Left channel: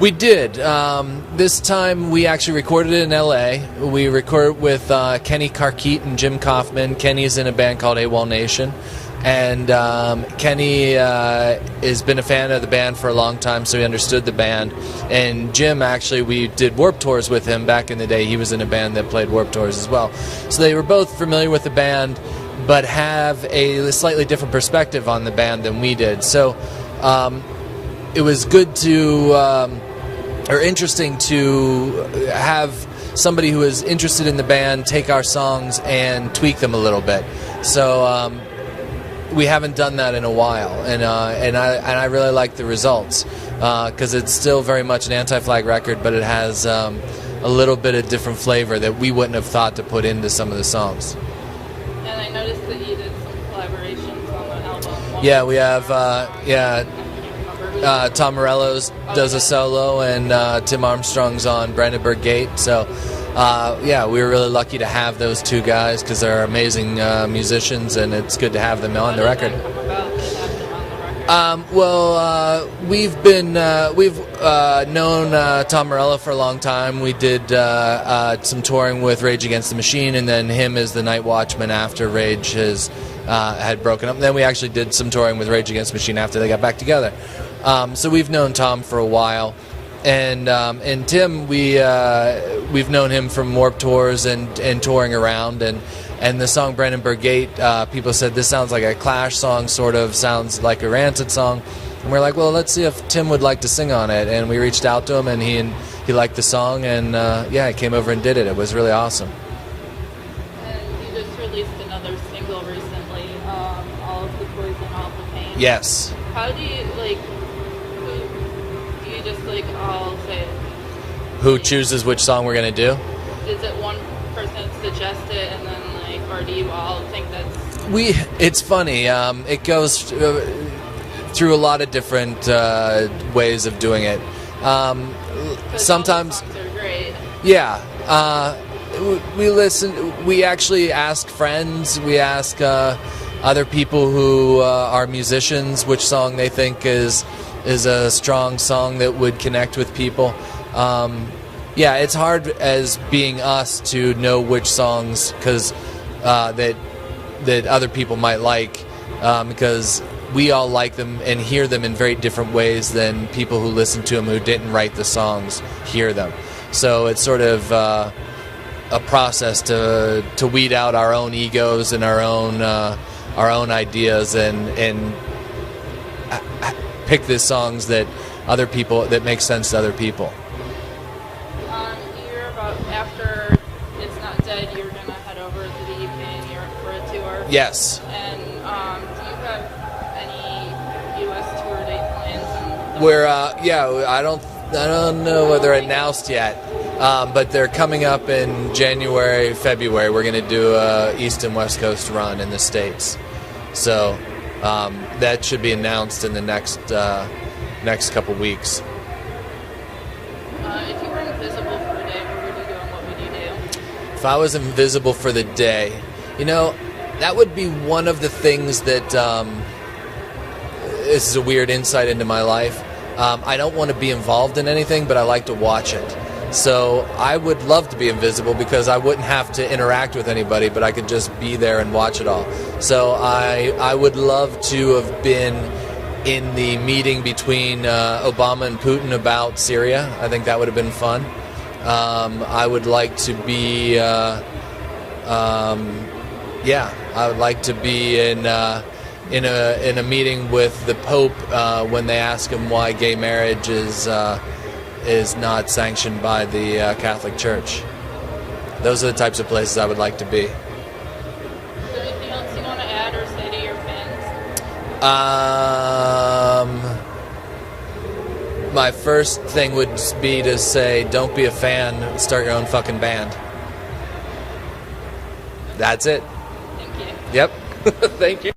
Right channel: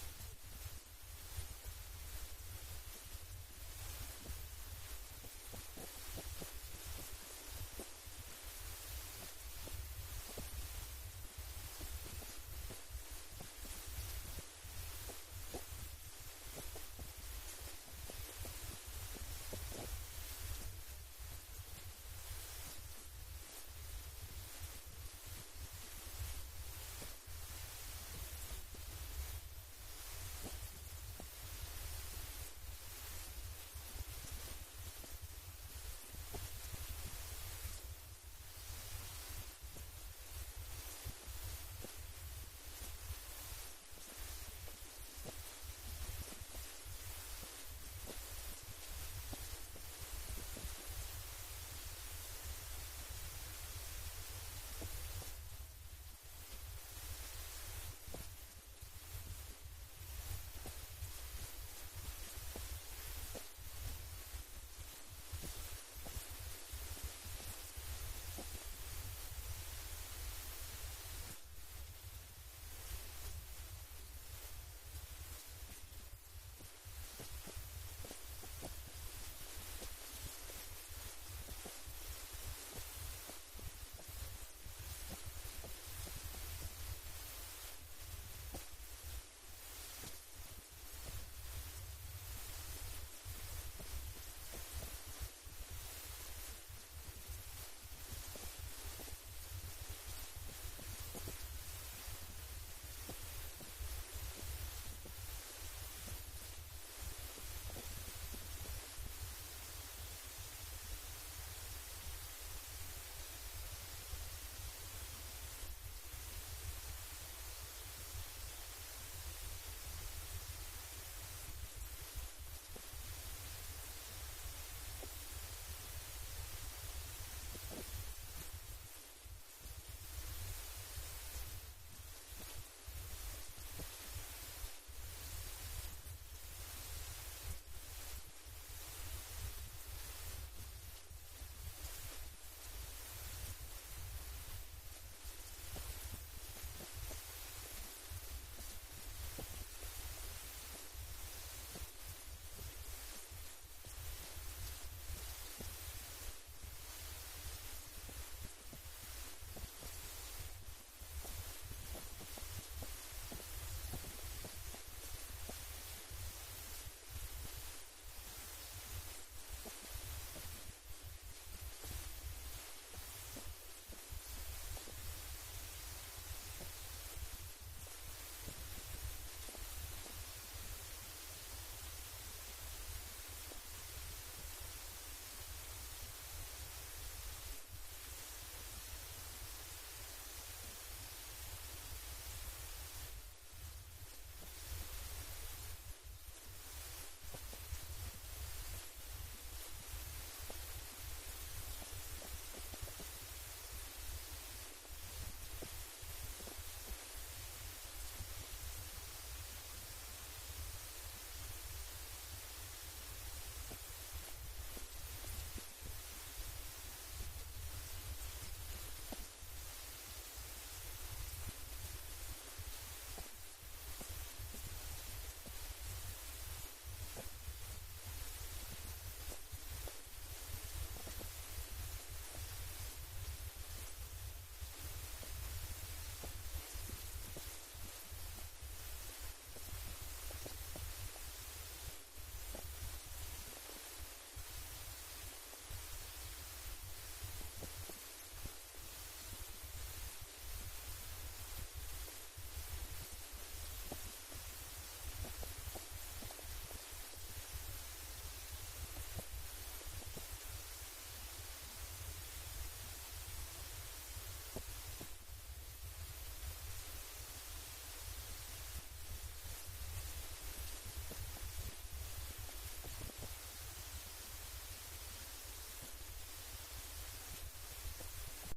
We did. This time we actually recorded it in L.A. We recorded with Kenny Carkeet and Jim Kaufman. Kenny's in a band called AWOL Nation. And Kenny has been a fan of the band for a long time, so he understood the band. And Jim, actually, we did Warped Tours with him back in the day. He was in a band that played Warped Tours as well. So they were both familiar with the band, but have a slightly different perspective on the band than we did. So it was good to, or interesting to have somebody who is interested in the band take our songs and tweak them a little bit. So we haven't done that in a while, and I really like the results because it's still very much an anti-flag record, but it has a little bit of different flavor that we wouldn't have thought to put into some of the songs. And I noticed that you did some collaborations on the album. Yeah, we have Tom Morello's does a solo, and Tim Armstrong's on Brandenburg Gate. So we were really lucky to have those two guys because they're amazing musicians, and it's good to have them on the record. We've known Tom Morello for a long time. We did some touring with Rage Against the Machine, and then him as the Night Watchman after Rage had broken up. And then we actually did some touring with Rage Against the Machine after they got back together. So we've known Tom for a while. And Tim, we've known him from Warped Tours and touring around, and the song Brandenburg Gate, people said this sounds like a Clash song, sort of sounds like a Rancid song, and we're like, well, let's see if Tim would like to sing on it, and we reached out to him, and he liked the song, and he came over and did it. It was really awesome. And you just released another single recently, All of the Poison, All of the Pain. Yes. How do you I'll say Who chooses which song we're going to do? Is it one person suggests it, and then or do you all think that's... It's funny. It goes through a lot of different ways of doing it. Sometimes... all the songs are great. Yeah. We listen. We actually ask friends. We ask other people who are musicians which song they think is a strong song that would connect with people. It's hard as being us to know which songs that other people might like because we all like them and hear them in very different ways than people who listen to them who didn't write the songs hear them. So it's sort of a process to weed out our own egos and our own ideas and pick the songs that make sense to other people. You're about, after It's Not Dead, you're going to head over to the UK and Europe for a tour. Yes. And do you have any US tour date plans? We're I don't know whether they're announced yet, but they're coming up in January, February. We're going to do a East and West Coast run in the States. So that should be announced in the next couple weeks. If you were invisible for a day, what would you do and what would you do? If I was invisible for the day, that would be one of the things that this is a weird insight into my life. I don't want to be involved in anything, but I like to watch it. So I would love to be invisible because I wouldn't have to interact with anybody, but I could just be there and watch it all. So I would love to have been in the meeting between Obama and Putin about Syria. I think that would have been fun. I would like to be, I would like to be in a meeting with the Pope when they ask him why gay marriage is not sanctioned by the Catholic Church. Those are the types of places I would like to be. Is there anything else you want to add or say to your fans? My first thing would be to say, don't be a fan, start your own fucking band. That's it. Thank you. Yep. Thank you.